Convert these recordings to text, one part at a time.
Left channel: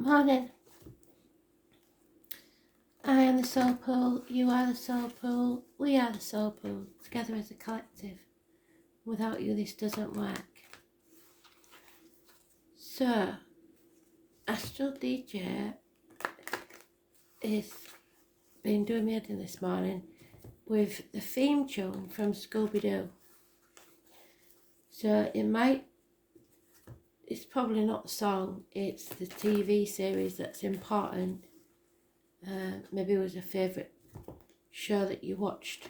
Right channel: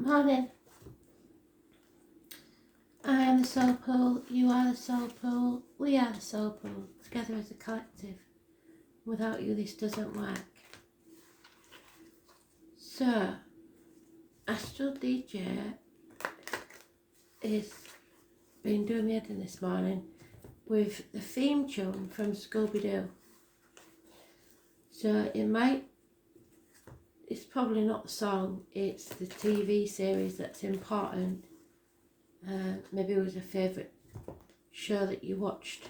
Morning. I am the soul pool, you are the soul pool, we are the soul pool, together as a collective. Without you this doesn't work. So, Astral DJ is been doing me head in this morning with the theme tune from Scooby-Doo. So it's probably not the song, it's the TV series that's important. Maybe it was a favourite show that you watched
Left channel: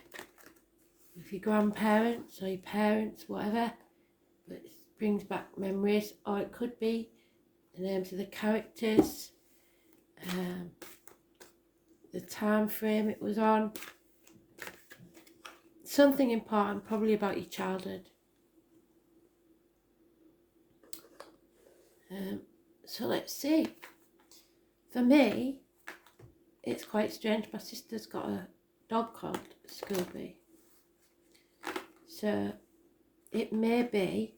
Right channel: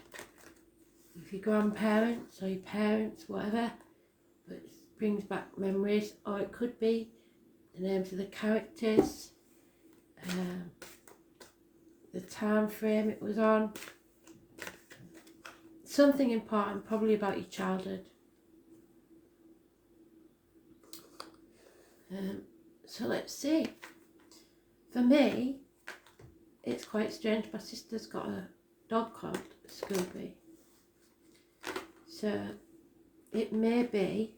with your grandparents or your parents, whatever, but it brings back memories. Or it could be the names of the characters, the time frame it was on, something important, probably about your childhood. So let's see. For me, it's quite strange. My sister's got a dog called Scooby. So it may be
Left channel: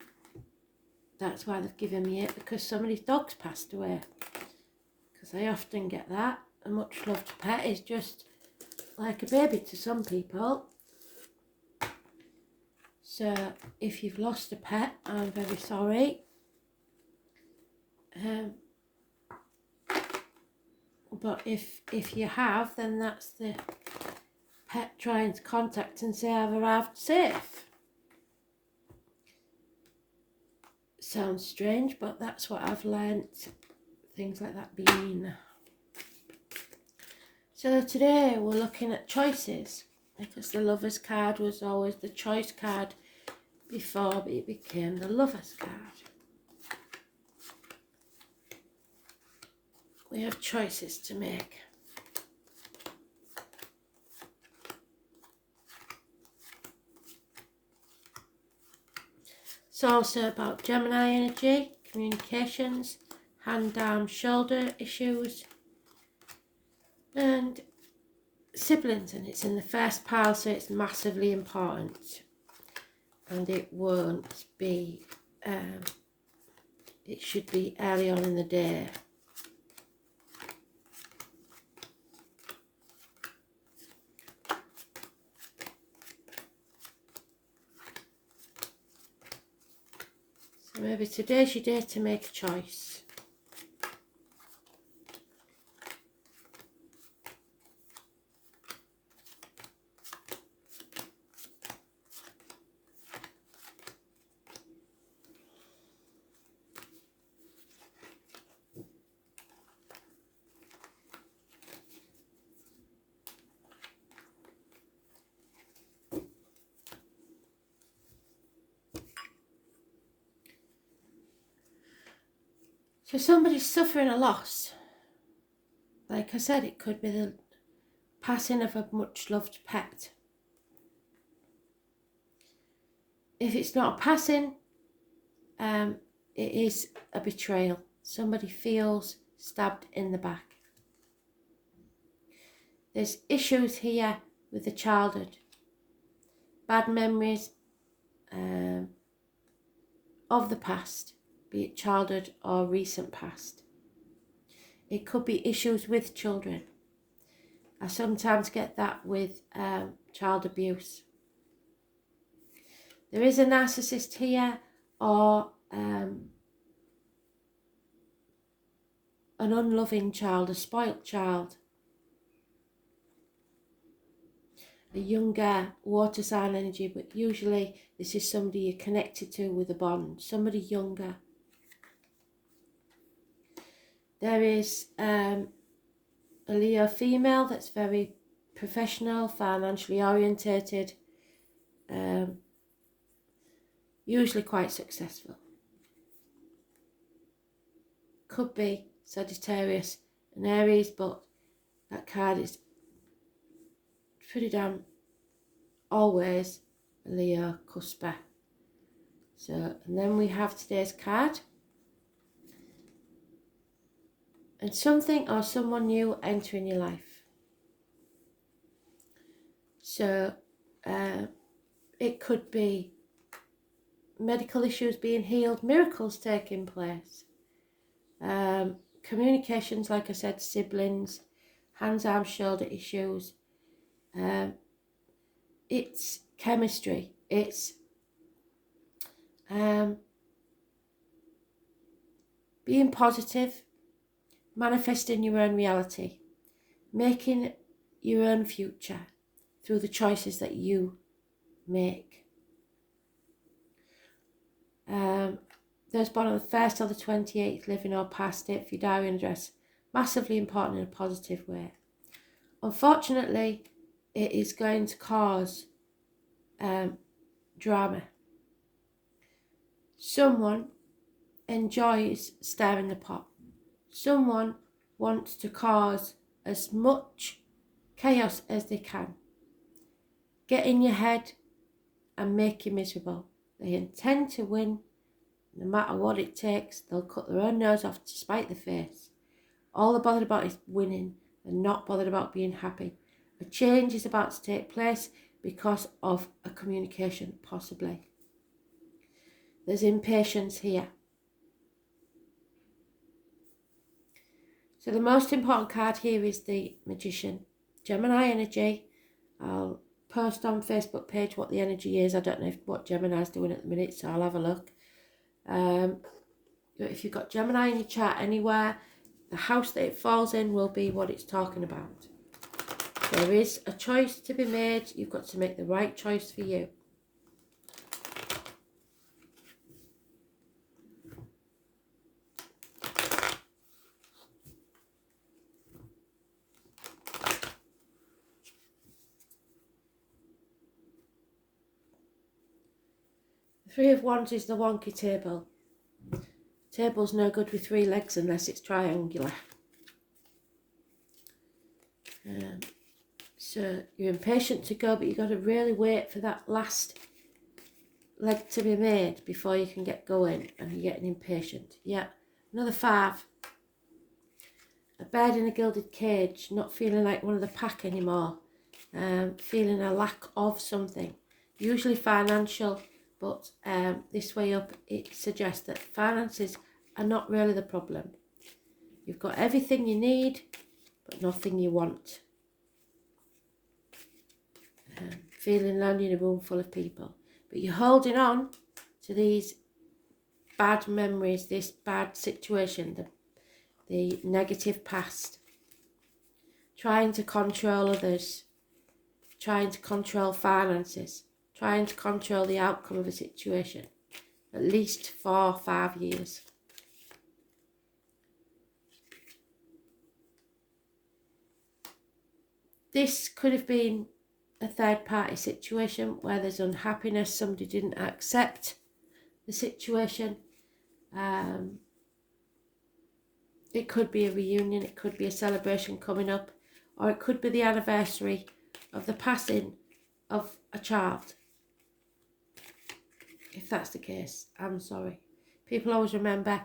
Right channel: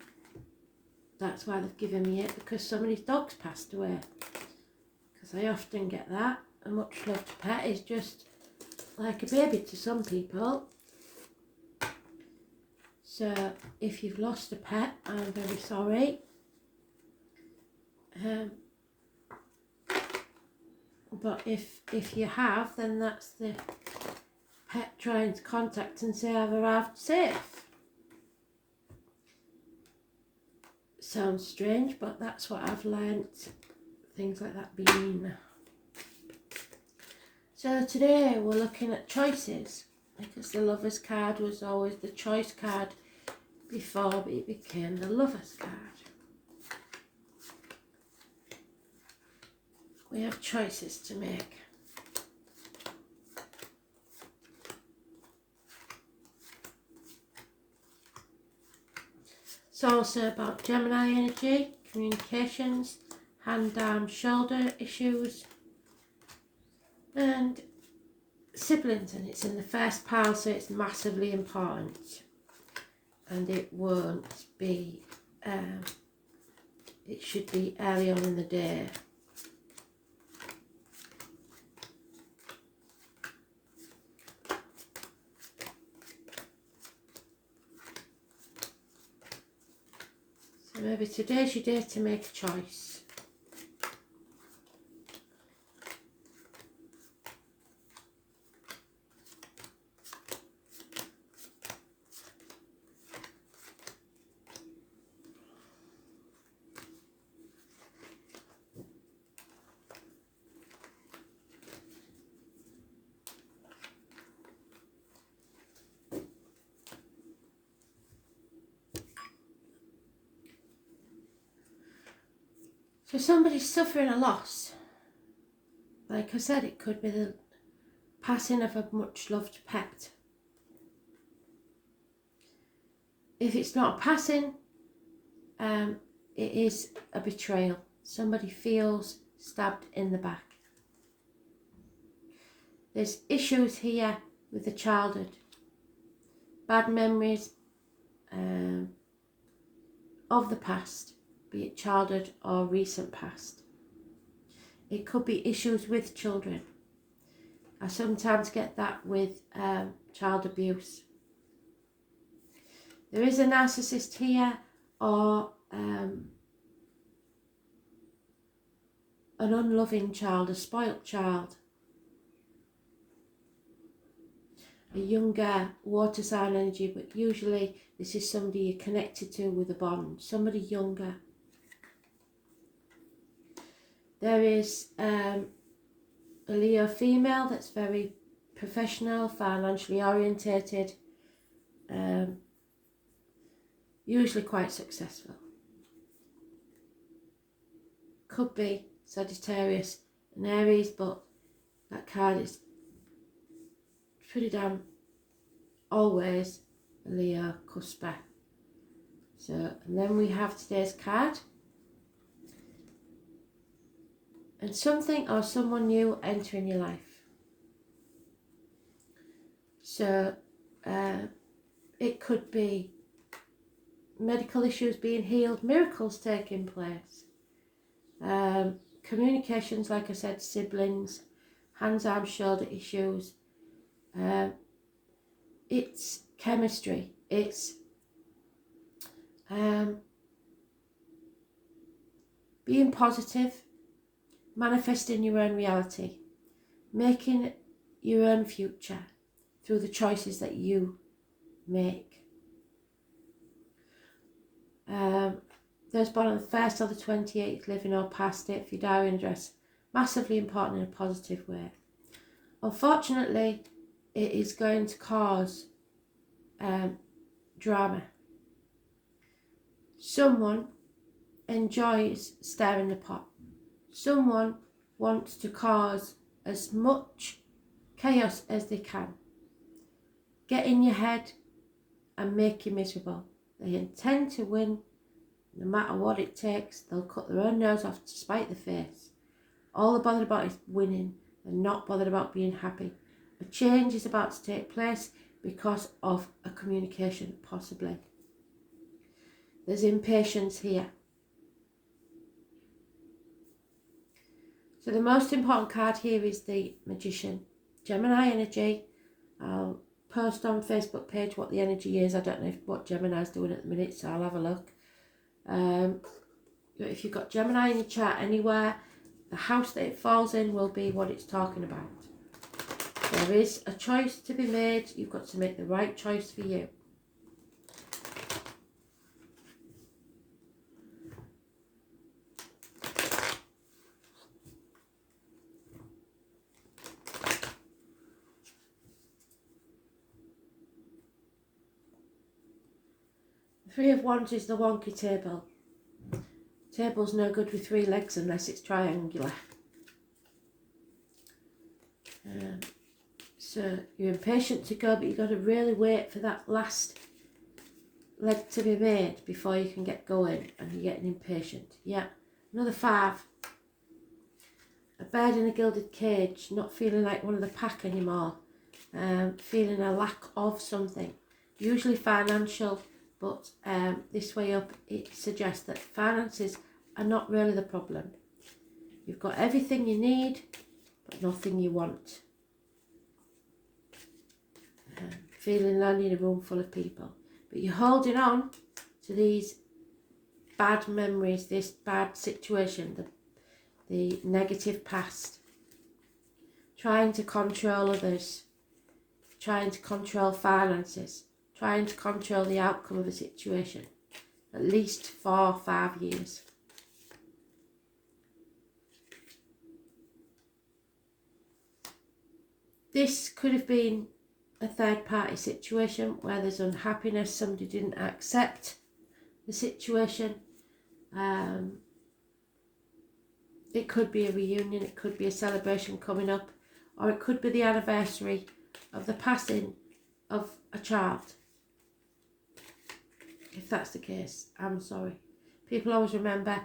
that's why they've given me it, because somebody's dog's passed away. Because I often get that. A much loved pet is just like a baby to some people. So if you've lost a pet, I'm very sorry. But if you have, then that's the pet trying to contact and say I've arrived safe. Sounds strange, but that's what I've learnt things like that mean. So today we're looking at choices, because the Lover's card was always the choice card before it became the Lover's card. We have choices to make. It's also about Gemini energy, communications, hand, arm, shoulder issues, and siblings, and it's in the first pile, so it's massively important, and it won't be, it should be early on in the day. So maybe today's your day to make a choice. So somebody's suffering a loss. Like I said, it could be the passing of a much loved pet. If it's not a passing, it is a betrayal. Somebody feels stabbed in the back. There's issues here with the childhood. Bad memories of the past, be it childhood or recent past. It could be issues with children. I sometimes get that with child abuse. There is a narcissist here, or an unloving child, a spoilt child. A younger water sign energy, but usually this is somebody you're connected to with a bond, somebody younger. There is a Leo female that's very professional, financially orientated, usually quite successful. Could be Sagittarius and Aries, but that card is pretty damn always a Leo cusper. So, and then we have today's card. And something or someone new entering your life. So it could be medical issues being healed, miracles taking place. communications, like I said, siblings, hands, arms, shoulder issues. It's chemistry. It's being positive, manifesting your own reality, making your own future through the choices that you make. Those born on the 1st or the 28th, living or past it, for your diary and address, massively important in a positive way. Unfortunately, it is going to cause drama. Someone enjoys stirring the pot. Someone wants to cause as much chaos as they can. Get in your head and make you miserable. They intend to win no matter what it takes. They'll cut their own nose off to spite the face. All they're bothered about is winning. They're not bothered about being happy. A change is about to take place because of a communication, possibly. There's impatience here. So the most important card here is the Magician. Gemini energy. I'll post on Facebook page what the energy is. I don't know what Gemini's doing at the minute, so I'll have a look. But if you've got Gemini in your chart anywhere, the house that it falls in will be what it's talking about. There is a choice to be made. You've got to make the right choice for you. The Three of Wands is the wonky table. Table's no good with 3 legs unless it's triangular. So you're impatient to go, but you've got to really wait for that last leg to be made before you can get going, and you're getting impatient. Yeah, another 5. A bird in a gilded cage, not feeling like one of the pack anymore. Feeling a lack of something, usually financial, but this way up it suggests that finances are not really the problem. You've got everything you need, but nothing you want. Feeling lonely in a room full of people, but you're holding on to these bad memories, this bad situation, the negative past, trying to control others, trying to control finances, trying to control the outcome of a situation, at least 4 or 5 years. This could have been a third party situation where there's unhappiness, somebody didn't accept the situation. It could be a reunion, it could be a celebration coming up, or it could be the anniversary of the passing of a child. If that's the case, I'm sorry. People always remember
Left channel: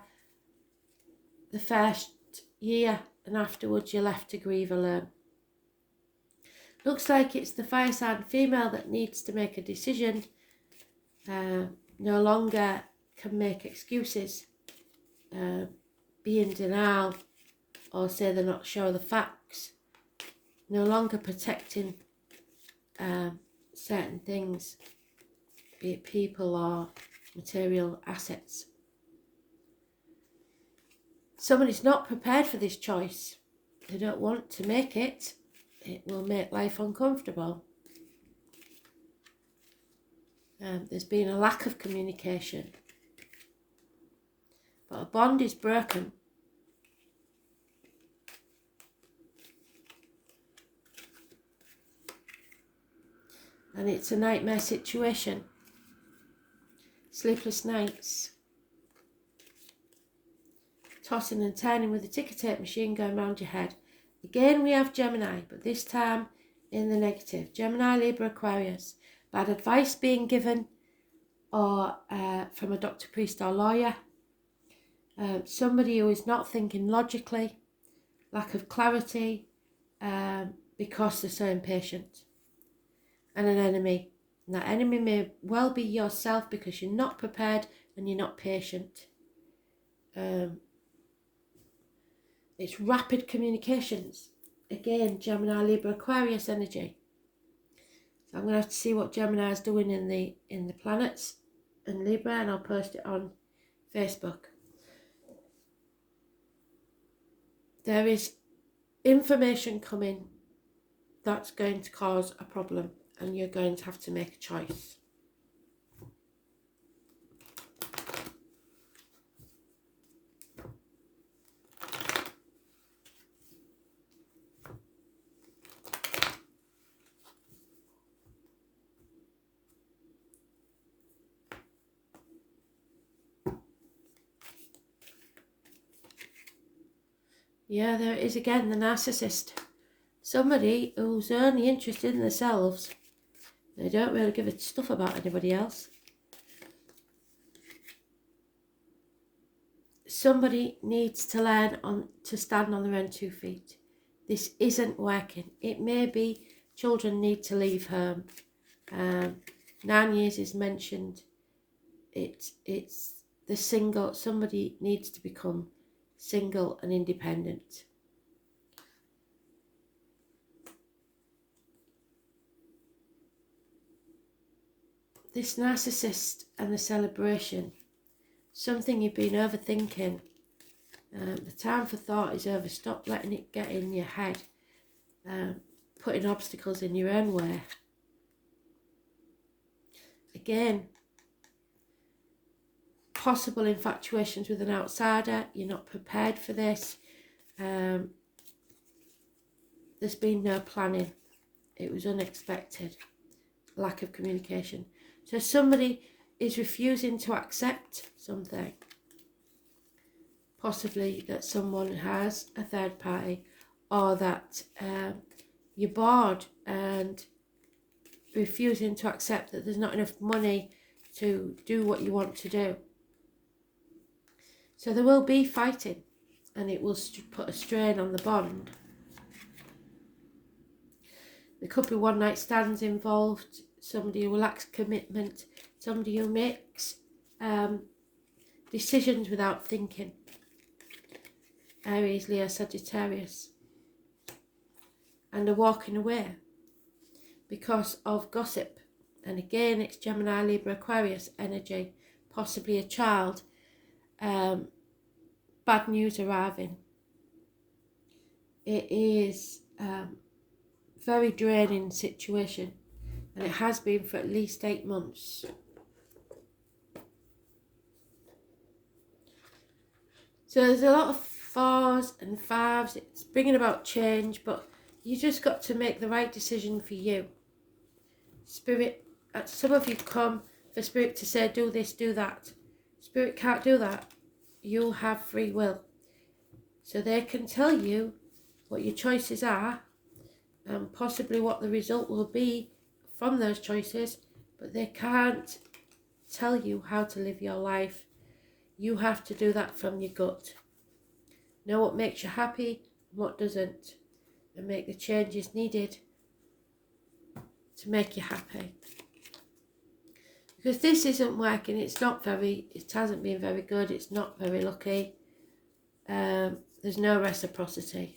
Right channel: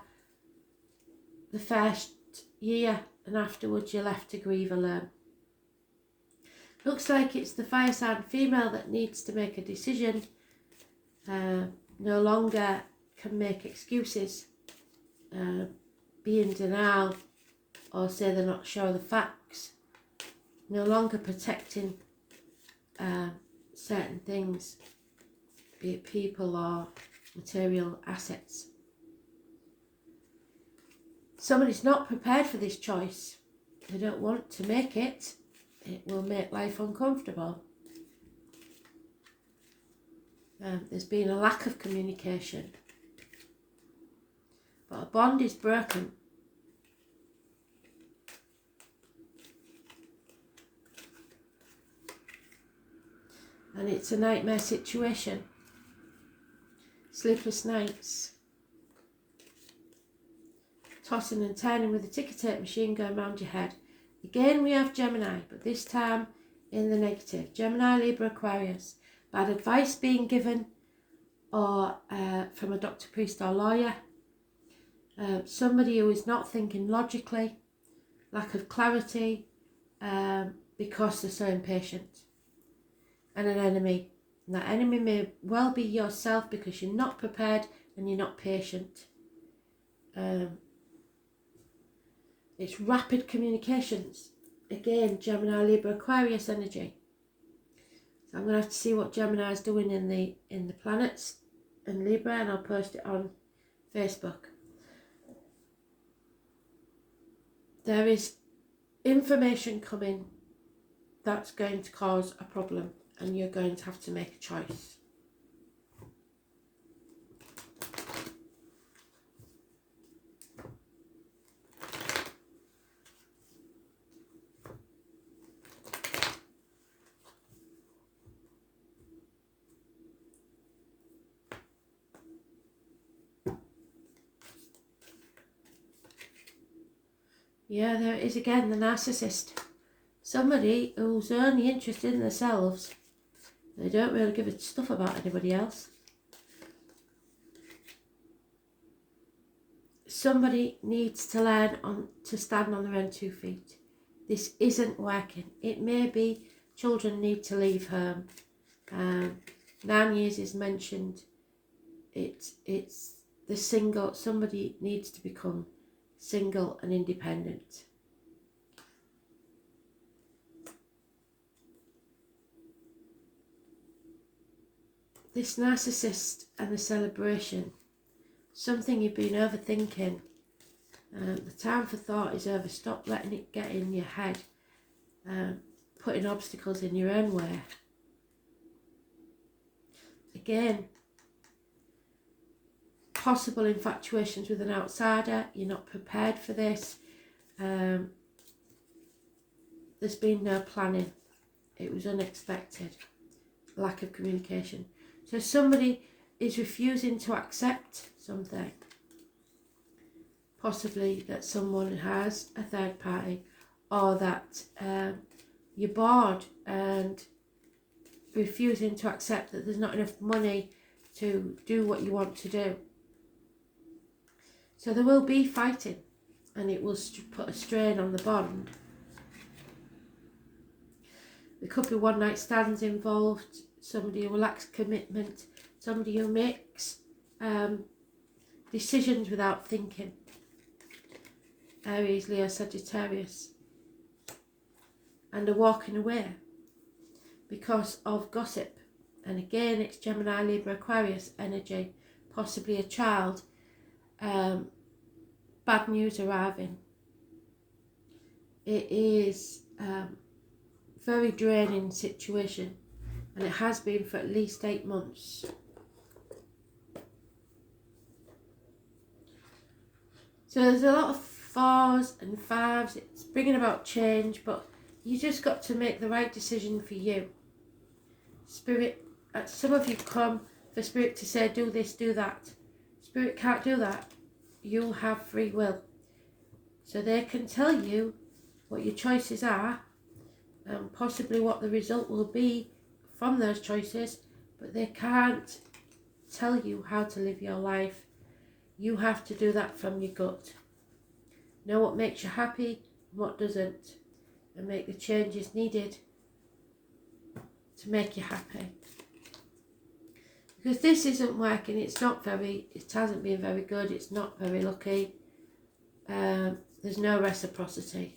the first year, and afterwards you're left to grieve alone. Looks like it's the fire sign female that needs to make a decision. No longer can make excuses, be in denial, or say they're not sure of the facts. No longer protecting certain things, be it people or material assets. Someone is not prepared for this choice. They don't want to make it. It will make life uncomfortable. There's been a lack of communication. But a bond is broken. And it's a nightmare situation. Sleepless nights. Tossing and turning with a ticker tape machine going round your head. Again, we have Gemini, but this time in the negative. Gemini, Libra, Aquarius. Bad advice being given, or from a doctor, priest, or lawyer. Somebody who is not thinking logically. Lack of clarity, because they're so impatient. And an enemy. And that enemy may well be yourself because you're not prepared and you're not patient. It's rapid communications. Again, Gemini, Libra, Aquarius energy. So I'm going to have to see what Gemini is doing in the planets in Libra, and I'll post it on Facebook. There is information coming that's going to cause a problem, and you're going to have to make a choice. Yeah, there it is again, the narcissist. Somebody who's only interested in themselves. They don't really give a stuff about anybody else. Somebody needs to learn to stand on their own 2 feet. This isn't working. It may be children need to leave home. 9 years is mentioned. It's the single. Somebody needs to become single and independent. This narcissist and the celebration, something you've been overthinking. The time for thought is over. Stop letting it get in your head, putting obstacles in your own way. Again, possible infatuations with an outsider. You're not prepared for this. There's been no planning. It was unexpected. Lack of communication. So somebody is refusing to accept something. Possibly that someone has a third party, or that you're bored and refusing to accept that there's not enough money to do what you want to do. So there will be fighting, and it will put a strain on the bond. There could be one night stands involved, somebody who lacks commitment, somebody who makes decisions without thinking. Aries, Leo, Sagittarius. And are walking away because of gossip. And again, it's Gemini, Libra, Aquarius energy. Possibly a child. Bad news arriving. It is very draining situation, and it has been for at least 8 months. So there's a lot of 4s and 5s. It's bringing about change, but you just got to make the right decision for you. Spirit, some of you come for Spirit to say do this, do that. Spirit can't do that. You have free will. So they can tell you what your choices are, and possibly what the result will be from those choices, but they can't tell you how to live your life. You have to do that from your gut. Know what makes you happy and what doesn't, and make the changes needed to make you happy. Because this isn't working, it hasn't been very good, it's not very lucky. There's no reciprocity.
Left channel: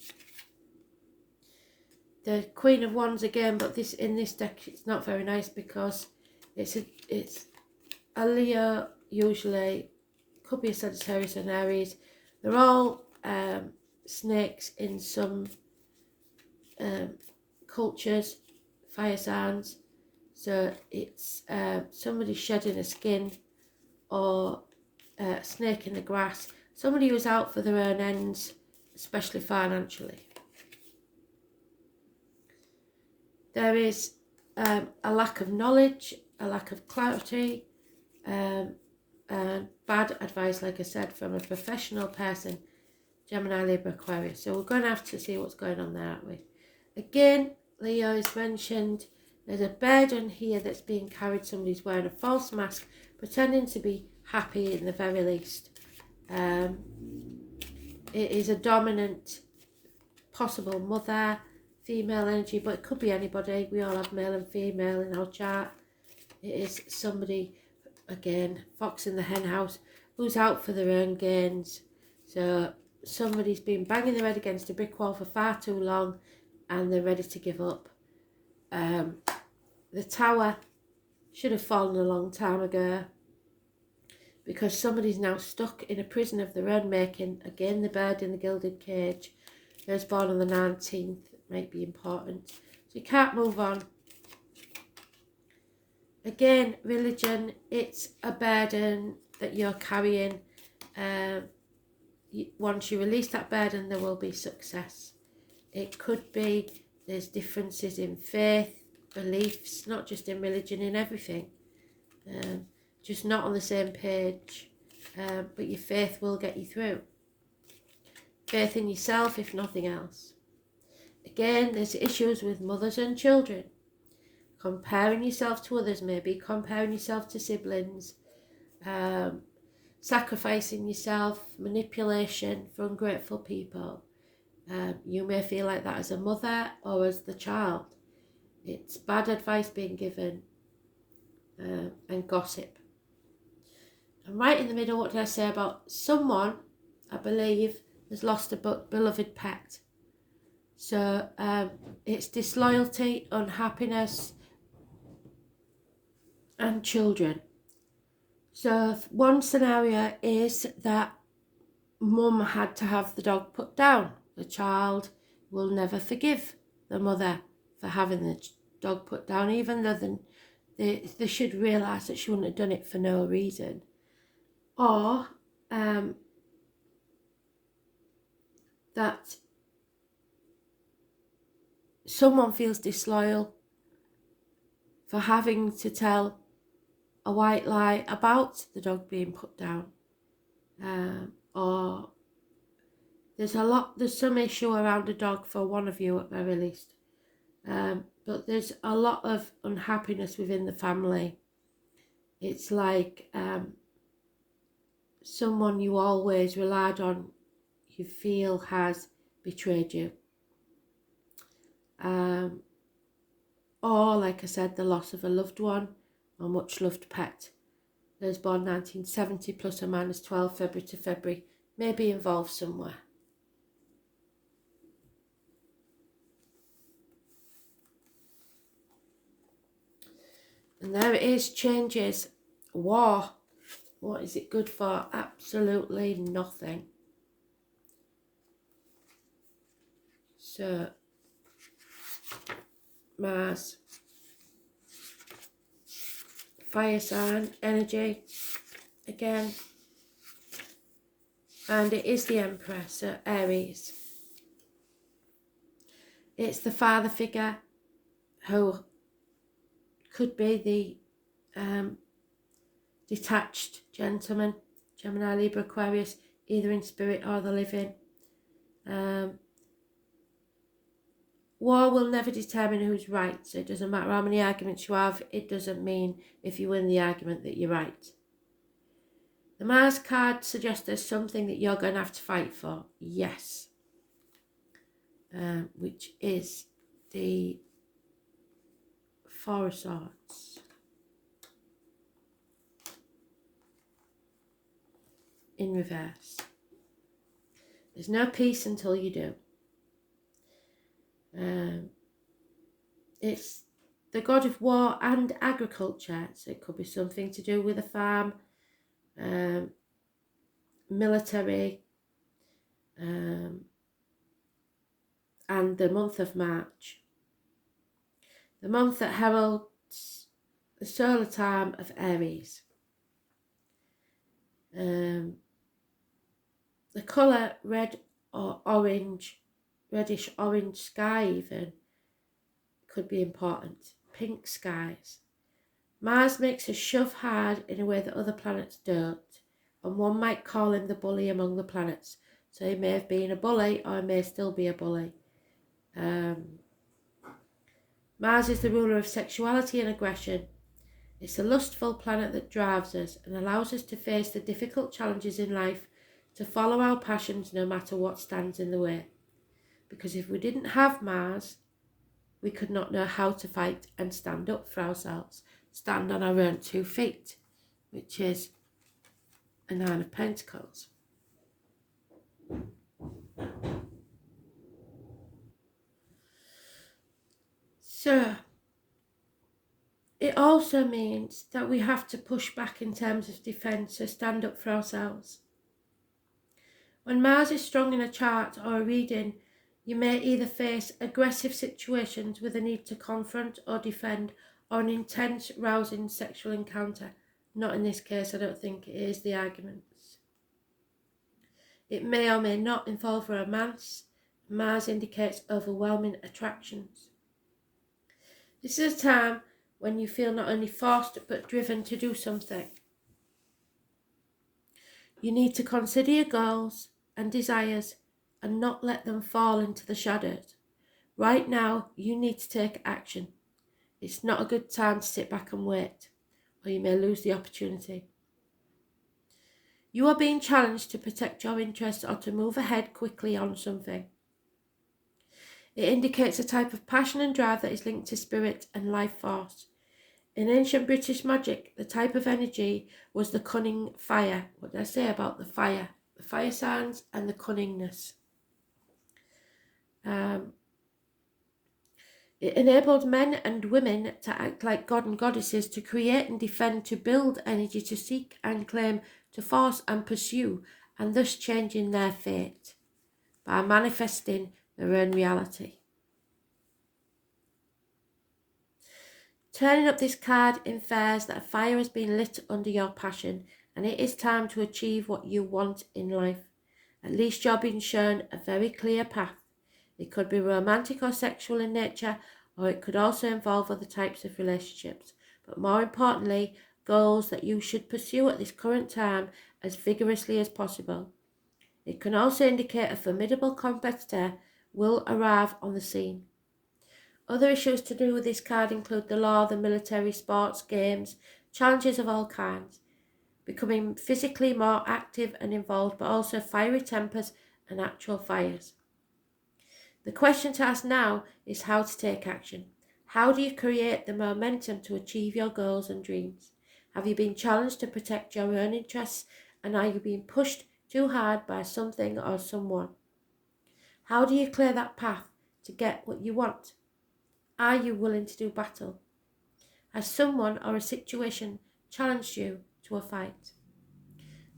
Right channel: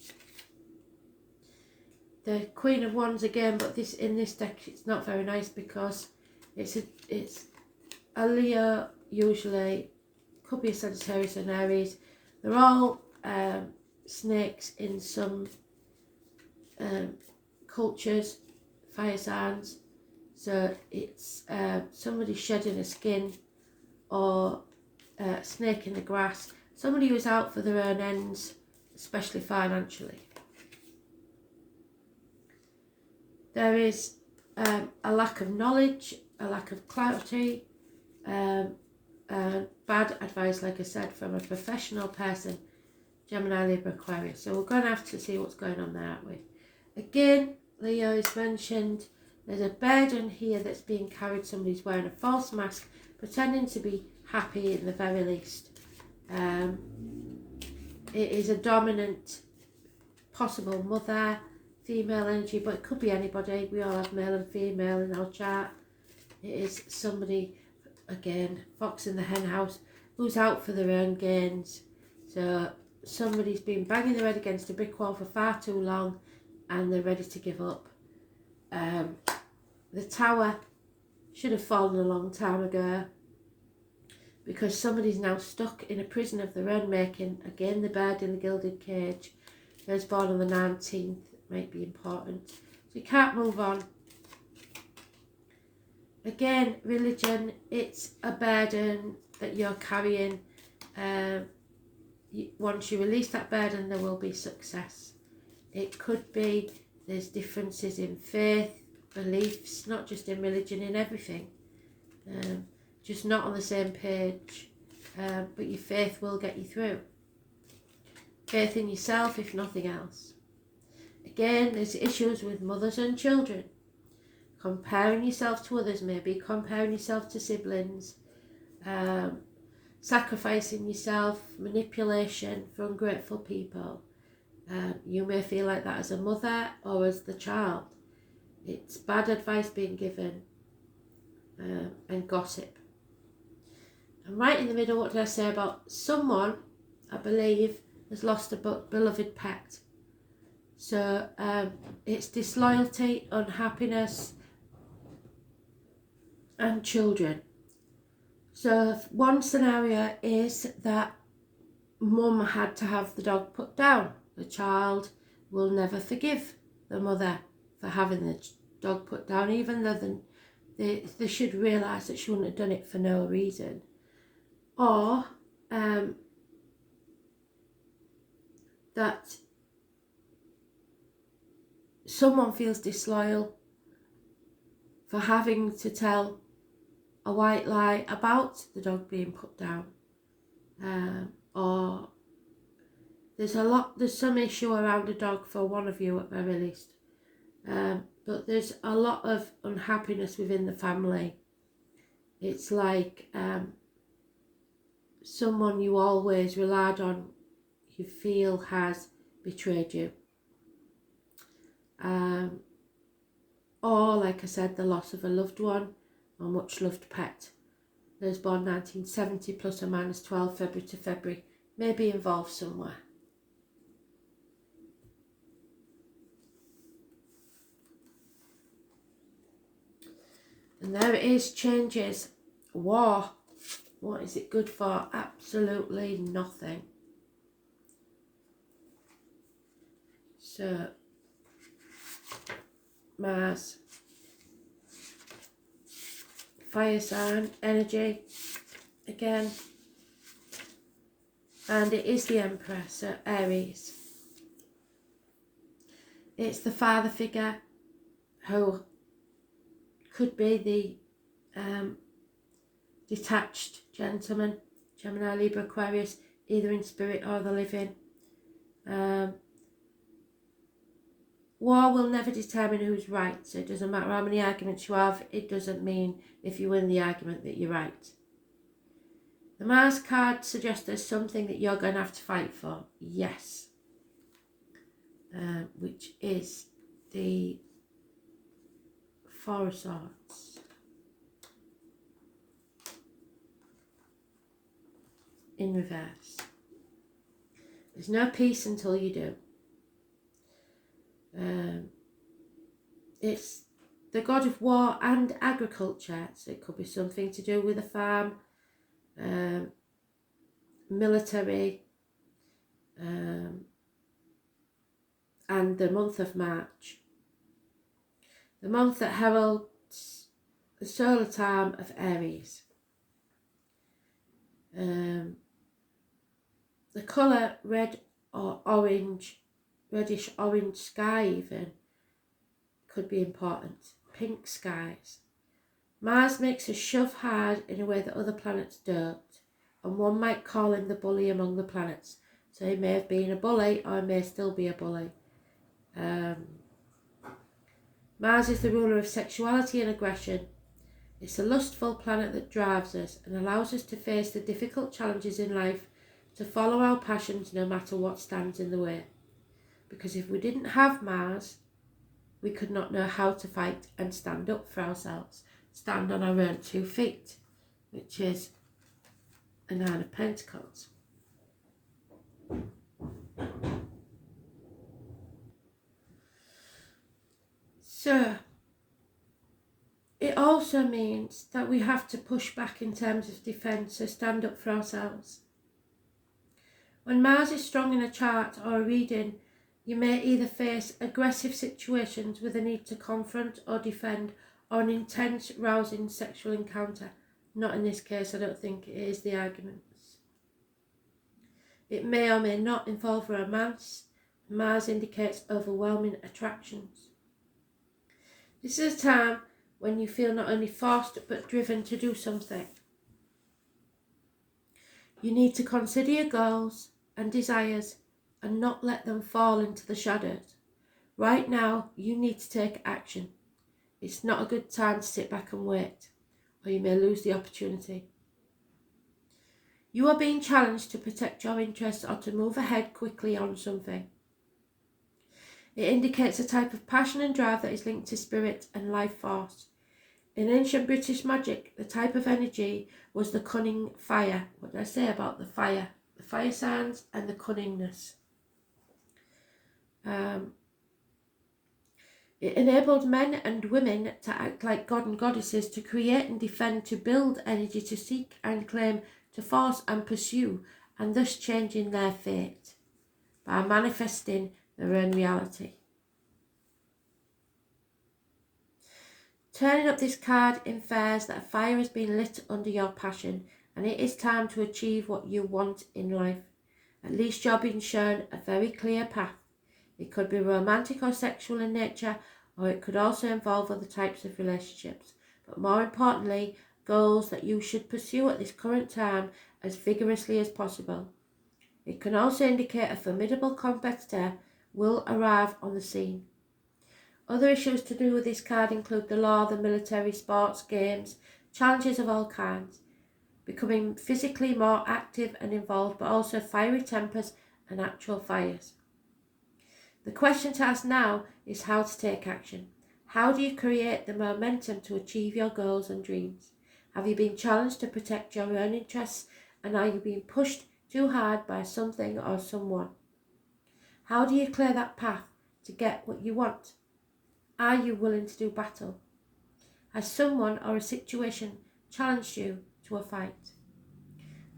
The Queen of Wands again, but in this deck it's not very nice, because it's a Leo, usually, could be a Sagittarius and Aries. They're all snakes in some cultures, fire signs. So it's somebody shedding a skin, or a snake in the grass. Somebody who's out for their own ends, especially financially. There is a lack of knowledge, a lack of clarity, and bad advice, like I said, from a professional person, Gemini, Libra, Aquarius. So we're going to have to see what's going on there, aren't we? Again, Leo is mentioned. There's a burden here that's being carried. Somebody's wearing a false mask, pretending to be happy in the very least. It is a dominant, possible mother, female energy, but it could be anybody. We all have male and female in our chart. It is somebody, again, fox in the hen house, who's out for their own gains. So somebody's been banging their head against a brick wall for far too long and they're ready to give up. The tower should have fallen a long time ago because somebody's now stuck in a prison of their own making. Again, the bird in the gilded cage. Who's born on the 19th might be important. So you can't move on. Again, religion, it's a burden that you're carrying. Once you release that burden, there will be success. It could be there's differences in faith, beliefs, not just in religion, in everything. Just not on the same page, but your faith will get you through. Faith in yourself, if nothing else. Again, there's issues with mothers and children. Comparing yourself to others, maybe comparing yourself to siblings, sacrificing yourself, manipulation for ungrateful people. You may feel like that as a mother or as the child. It's bad advice being given, and gossip. And right in the middle, what did I say about someone, I believe, has lost a beloved pet. So it's disloyalty, unhappiness, and children. So one scenario is that mum had to have the dog put down. The child will never forgive the mother for having the dog put down, even though they should realise that she wouldn't have done it for no reason. Or that someone feels disloyal for having to tell a white lie about the dog being put down, or there's some issue around a dog for one of you at very least, but there's a lot of unhappiness within the family. It's like someone you always relied on, you feel has betrayed you, or like I said, the loss of a loved one or much loved pet. Those born 1970 plus or minus 12 February to February may be involved somewhere. And there it is, changes. War. What is it good for? Absolutely nothing. So, Mars. Fire sign, energy, again. And it is the Emperor, so Aries. It's the father figure who could be the detached gentleman, Gemini, Libra, Aquarius, either in spirit or the living. War will never determine who's right, so it doesn't matter how many arguments you have, it doesn't mean if you win the argument that you're right. The Mars card suggests there's something that you're going to have to fight for, yes, which is the Four of Swords. In reverse. There's no peace until you do. It's the god of war and agriculture, so it could be something to do with a farm, military, and the month of March, the month that heralds the solar time of Aries. The colour red or orange, reddish orange sky even, could be important. Pink skies. Mars makes us shove hard in a way that other planets don't, and one might call him the bully among the planets. So he may have been a bully, or he may still be a bully. Mars is the ruler of sexuality and aggression. It's a lustful planet that drives us and allows us to face the difficult challenges in life, to follow our passions no matter what stands in the way. Because if we didn't have Mars, we could not know how to fight and stand up for ourselves, stand on our own 2 feet, which is a 9 of Pentacles. So, it also means that we have to push back in terms of defence, so stand up for ourselves. When Mars is strong in a chart or a reading, you may either face aggressive situations with a need to confront or defend, or an intense, rousing sexual encounter. Not in this case, I don't think it is the arguments. It may or may not involve romance. Mars indicates overwhelming attractions. This is a time when you feel not only forced but driven to do something. You need to consider your goals and desires and not let them fall into the shadows. Right now, you need to take action. It's not a good time to sit back and wait, or you may lose the opportunity. You are being challenged to protect your interests or to move ahead quickly on something. It indicates a type of passion and drive that is linked to spirit and life force. In ancient British magic, the type of energy was the cunning fire. What did I say about the fire? The fire signs and the cunningness. It enabled men and women to act like god and goddesses, to create and defend, to build energy, to seek and claim, to force and pursue, and thus changing their fate by manifesting their own reality. Turning up this card infers that a fire has been lit under your passion, and it is time to achieve what you want in life. At least you're being shown a very clear path. It could be romantic or sexual in nature, or it could also involve other types of relationships. But more importantly, goals that you should pursue at this current time as vigorously as possible. It can also indicate a formidable competitor will arrive on the scene. Other issues to do with this card include the law, the military, sports, games, challenges of all kinds, becoming physically more active and involved, but also fiery tempers and actual fires. The question to ask now is how to take action. How do you create the momentum to achieve your goals and dreams? Have you been challenged to protect your own interests, and are you being pushed too hard by something or someone? How do you clear that path to get what you want? Are you willing to do battle? Has someone or a situation challenged you to a fight?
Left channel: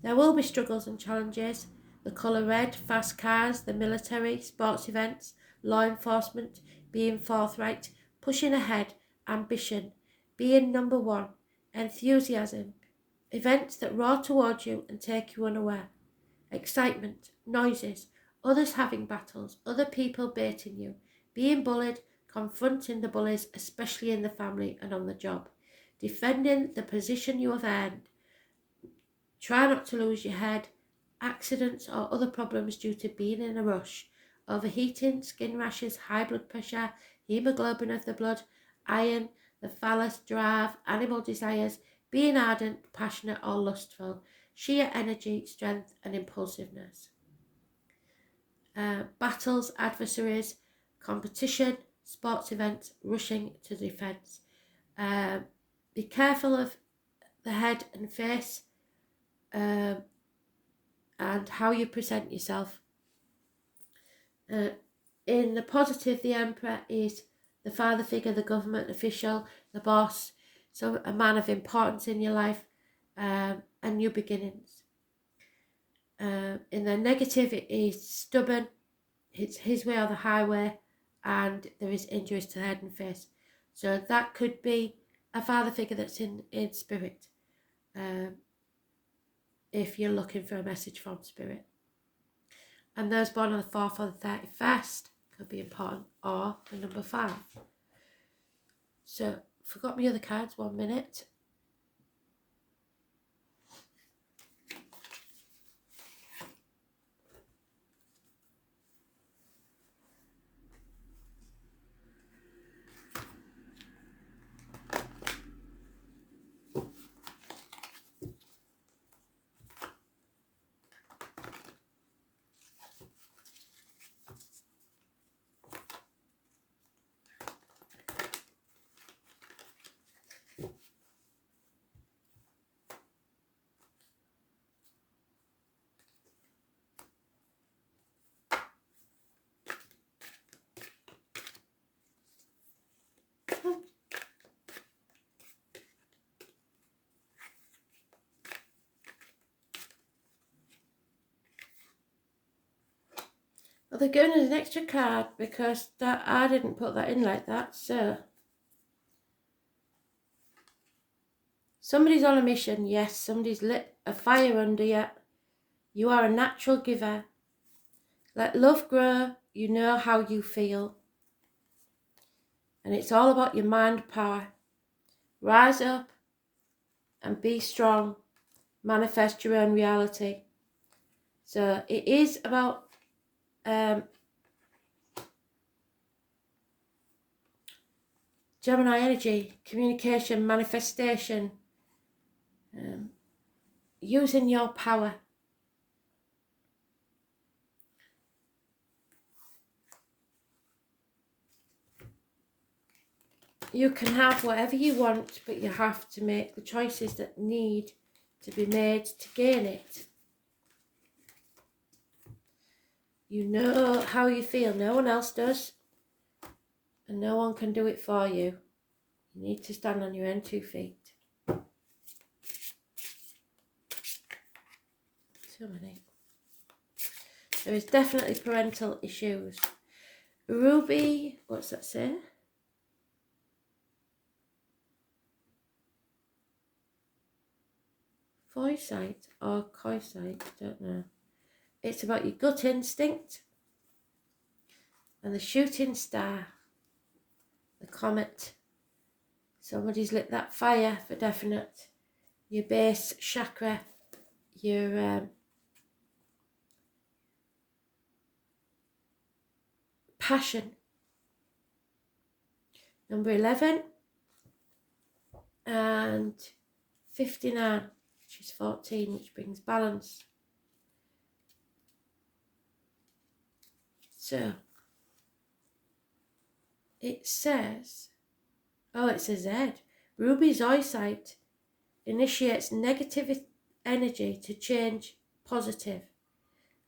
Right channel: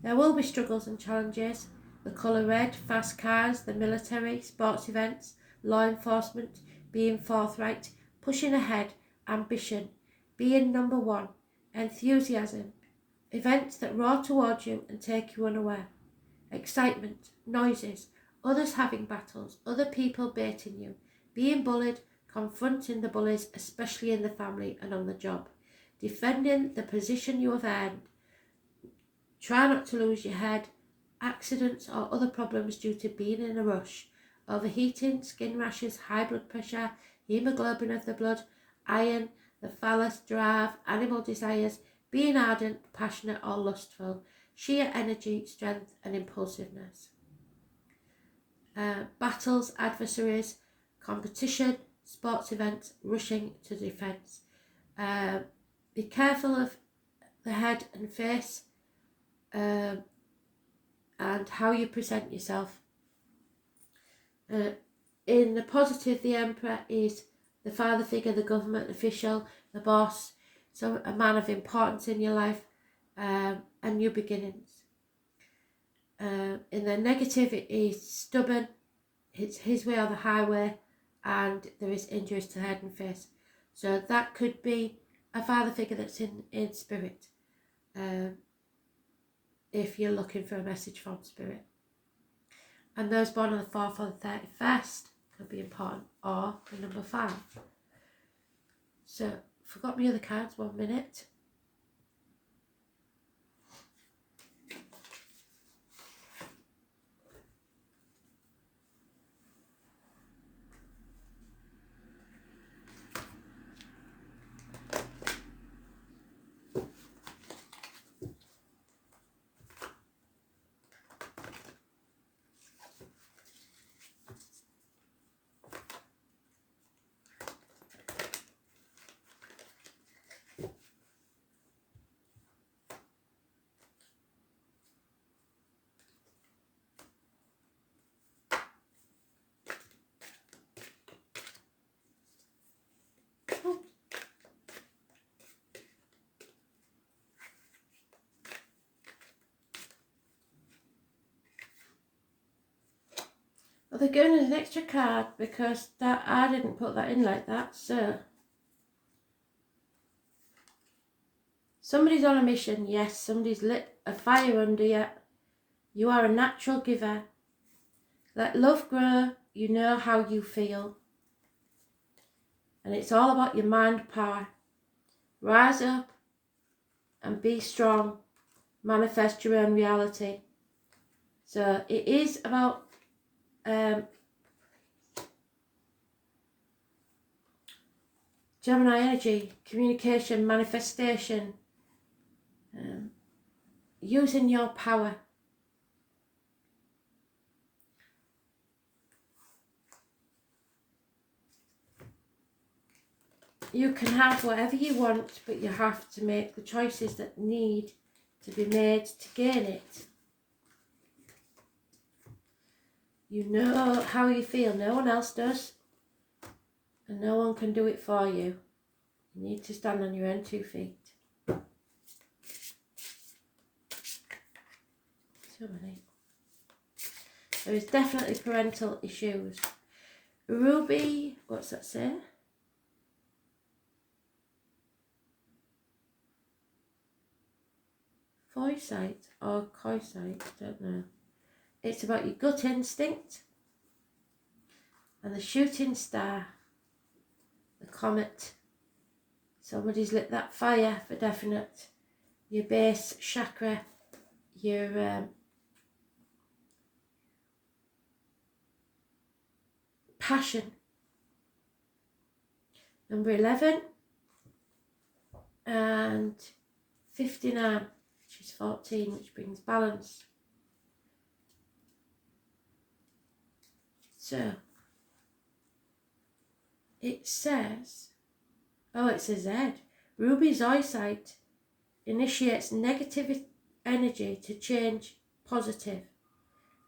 There will be struggles and challenges. The colour red, fast cars, the military, sports events, law enforcement, being forthright, pushing ahead, ambition, being number one, enthusiasm, events that roar towards you and take you unaware, excitement, noises, others having battles, other people baiting you, being bullied, confronting the bullies, especially in the family and on the job, defending the position you have earned. Try not to lose your head, accidents or other problems due to being in a rush, overheating, skin rashes, high blood pressure, hemoglobin of the blood, iron, the phallus drive, animal desires, being ardent, passionate or lustful, sheer energy, strength and impulsiveness. Battles, adversaries, competition, sports events, rushing to defence. Be careful of the head and face, and how you present yourself. In the positive, the Emperor is the father figure, the government official, the boss, so a man of importance in your life, and new beginnings. In the negative, it is stubborn, it's his way or the highway, and there is injuries to the head and face. So that could be a father figure that's in spirit, if you're looking for a message from spirit. And those born on the 4th or the 31st could be important, or the number 5. So, forgot my other cards, 1 minute. they're giving us an extra card because that I didn't put that in like that. So somebody's on a mission. Yes, somebody's lit a fire under you. You are a natural giver. Let love grow. You know how you feel. And it's all about your mind power. Rise up and be strong. Manifest your own reality. So it is about Gemini energy, communication, manifestation, using your power. You can have whatever you want, but you have to make the choices that need to be made to gain it. You know how you feel, no one else does, and no one can do it for you. You need to stand on your own 2 feet. So many. There is definitely parental issues. Ruby, what's that say? Foresight or coisight, I don't know. It's about your gut instinct and the shooting star, the comet. Somebody's lit that fire for definite. Your base chakra, your passion. Number 11 and 59, which is 14, which brings balance. So it says, oh, it's a Z. Ruby's eyesight initiates negative energy to change positive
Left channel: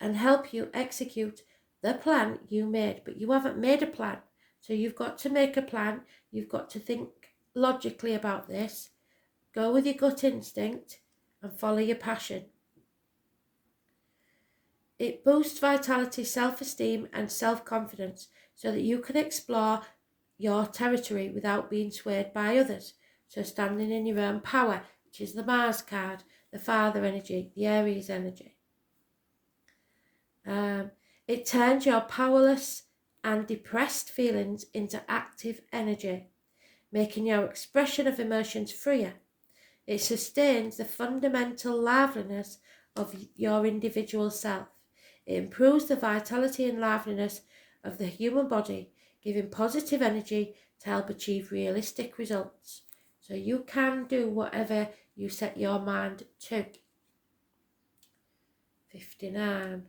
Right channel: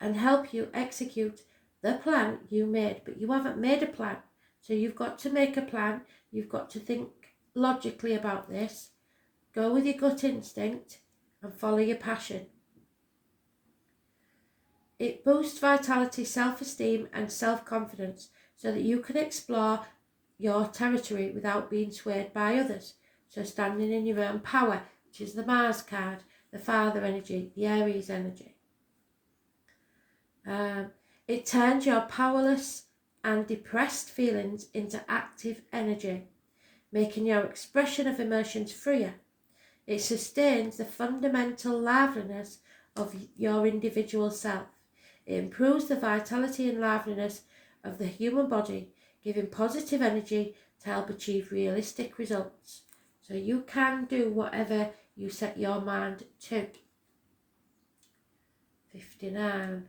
and help you execute the plan you made. But you haven't made a plan. So you've got to make a plan. You've got to think logically about this. Go with your gut instinct and follow your passion. It boosts vitality, self-esteem and self-confidence so that you can explore your territory without being swayed by others. So standing in your own power, which is the Mars card, the Father energy, the Aries energy. It turns your powerless and depressed feelings into active energy, making your expression of emotions freer. It sustains the fundamental liveliness of your individual self. It improves the vitality and liveliness of the human body, giving positive energy to help achieve realistic results. So you can do whatever you set your mind to. 59.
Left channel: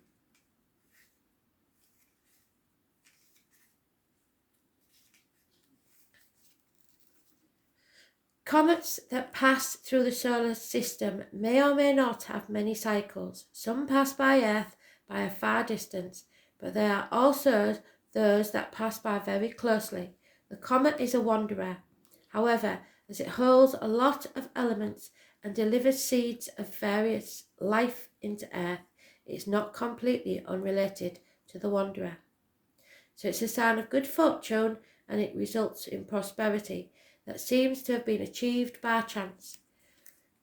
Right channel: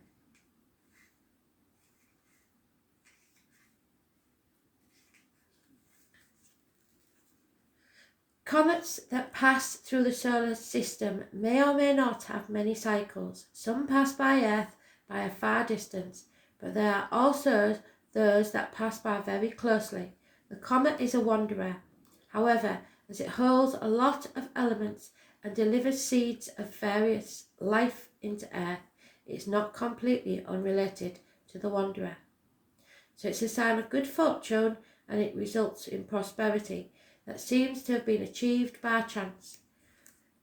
Comets that pass through the solar system may or may not have many cycles. Some pass by Earth by a far distance, but there are also those that pass by very closely. The comet is a wanderer. However, as it holds a lot of elements and delivers seeds of various life into Earth, it's not completely unrelated to the wanderer. So it's a sign of good fortune, and it results in prosperity that seems to have been achieved by chance.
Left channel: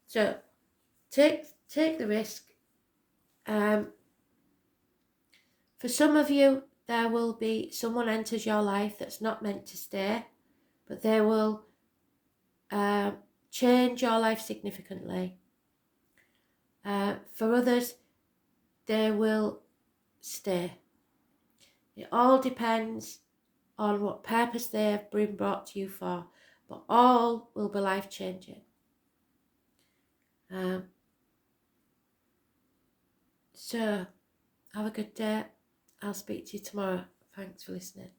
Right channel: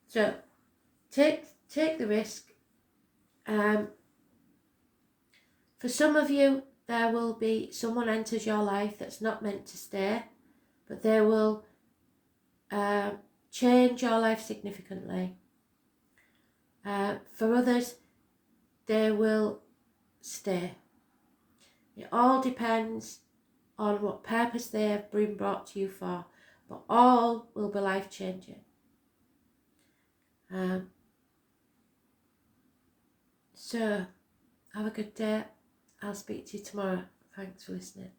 So take the risk. For some of you, there will be someone enters your life that's not meant to stay, but they will change your life significantly. For others, they will stay. It all depends on what purpose they have been brought to you for, but all will be life-changing. So, have a good day. I'll speak to you tomorrow. Thanks for listening.